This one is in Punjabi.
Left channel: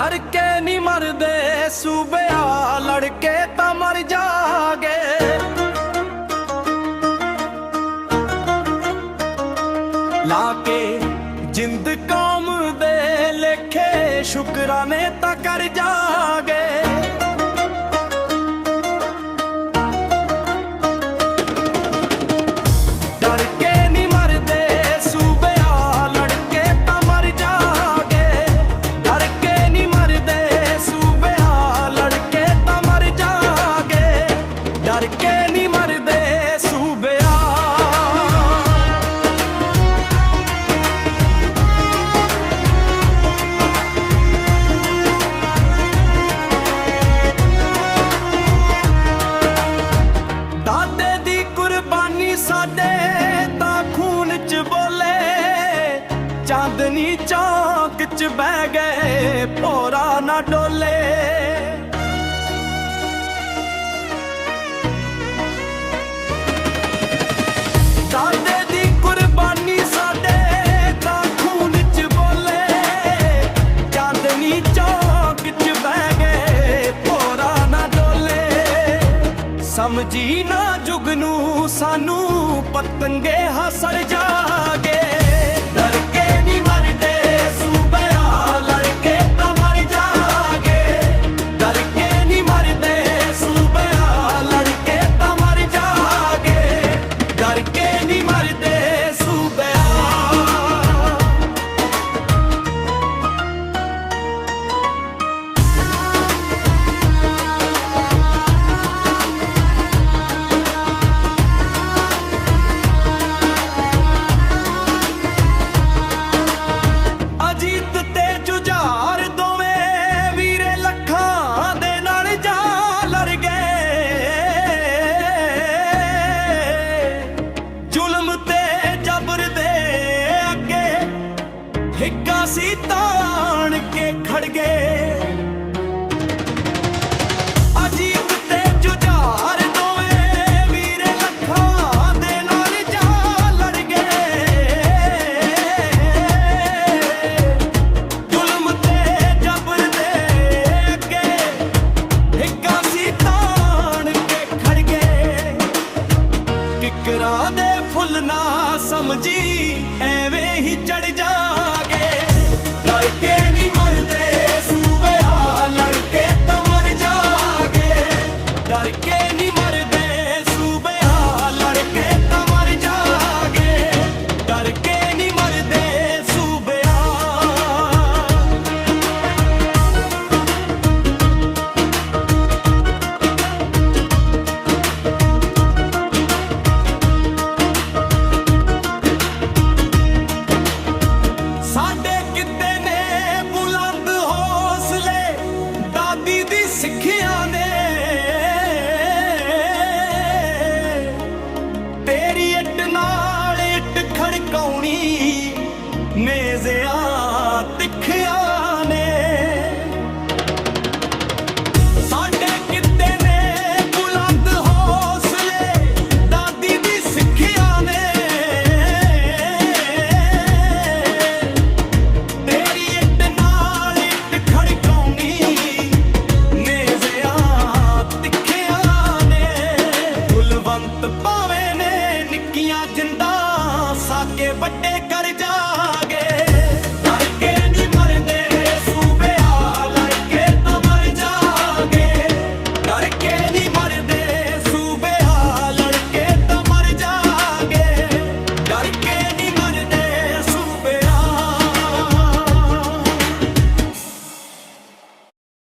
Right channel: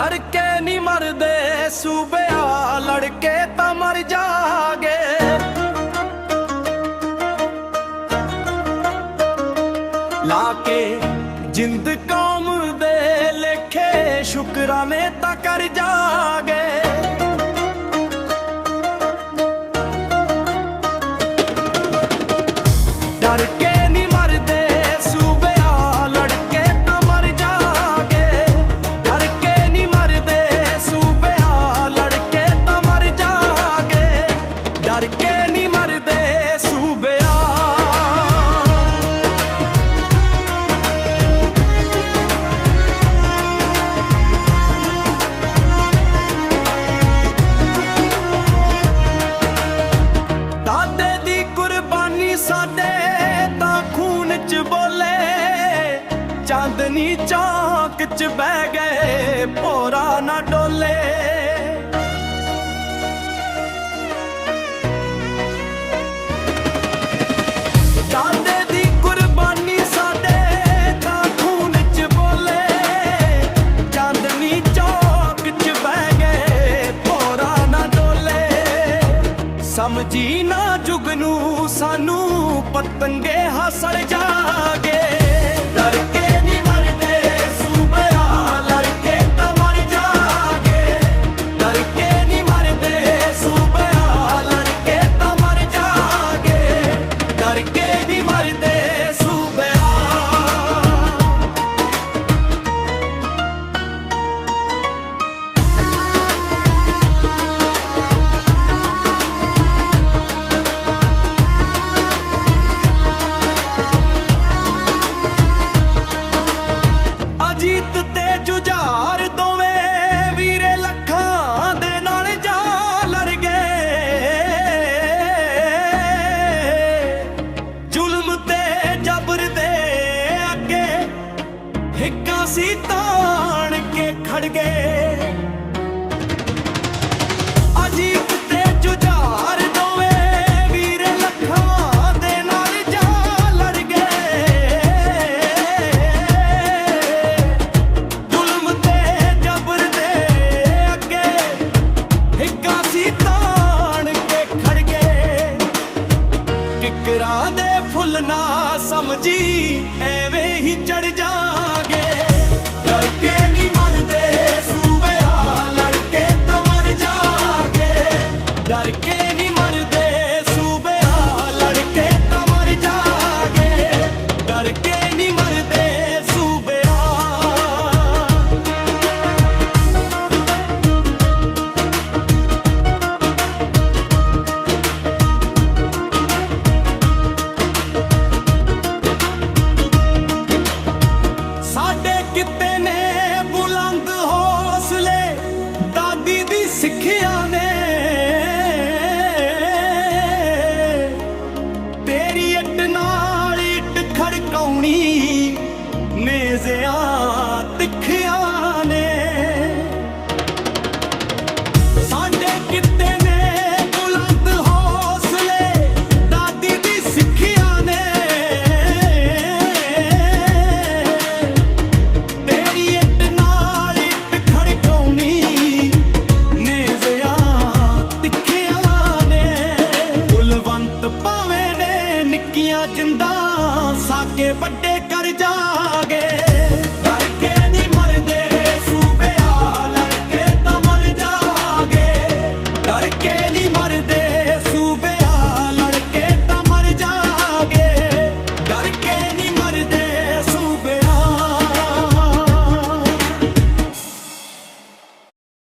ਡਰ ਕੇ ਨਹੀਂ ਮਰਦੇ ਸੂਬਿਆ ਲੜਕੇ ਤਾਂ ਮਰ ਜਾਗੇ। ਲਾ ਕੇ ਜਿੰਦ ਕੌਮ ਦੇ ਲੇਖੇ, ਸ਼ੁਕਰਾਨੇ ਤਾਂ ਕਰ ਜਾਗੇ। ਤਾਂ ਖੂਨ ਚ ਬੋਲੇ ਚਾਂਦਨੀ ਚੌਕ ਚ ਬਹਿ ਗਏ ਭੋਰਾ ਨਾ ਡੋਲੇ। ਸਮਝੀ ਨਾ ਜੁਗਨੂ ਸਾਨੂੰ ਪਤੰਗੇ ਹਸੜ ਜਾਗੇ। ਜੁਝਾਰ ਦੋਵੇਂ ਵੀਰੇ ਲੱਖਾਂ ਦੇ ਨਾਲ ਜਾ ਲੜ ਗਏ। ਜ਼ੁਲਮ ਤੇ ਜਬਰ ਦੇ ਅੱਗੇ ਹਿੱਕਾਂ ਸੀ ਤਾਣ ਕੇ ਖੜ ਗਏ। ਕਿਕਰਾਂ ਦੇ ਫੁੱਲ ਨਾ ਸਮਝੀ, ਐਵੇਂ ਹੀ ਚੜ ਜਾਗੇ। ਲੜਕੇ ਨਹੀਂ ਮਰਦੇ ਸੂਬਿਆ ਲੜਕੇ ਤਾਂ ਮਰ ਜਾਗੇ। ਡਰ ਕੇ ਨਹੀਂ ਮਰਦੇ ਸੂਬਿਆ ਲੜਕੇ ਤਾਂ ਮਰ ਜਾਗੇ। ਡਰ ਕੇ ਨਹੀਂ ਮਰਦੇ ਸੁਣੀ ਨੇਜ਼ਿਆ ਤਿੱਖਿਆ ਨਿੱਕੀਆਂ ਜਿੰਦਾ ਸਾਕੇ ਵੱਡੇ ਕਰ ਜਾਗੇ।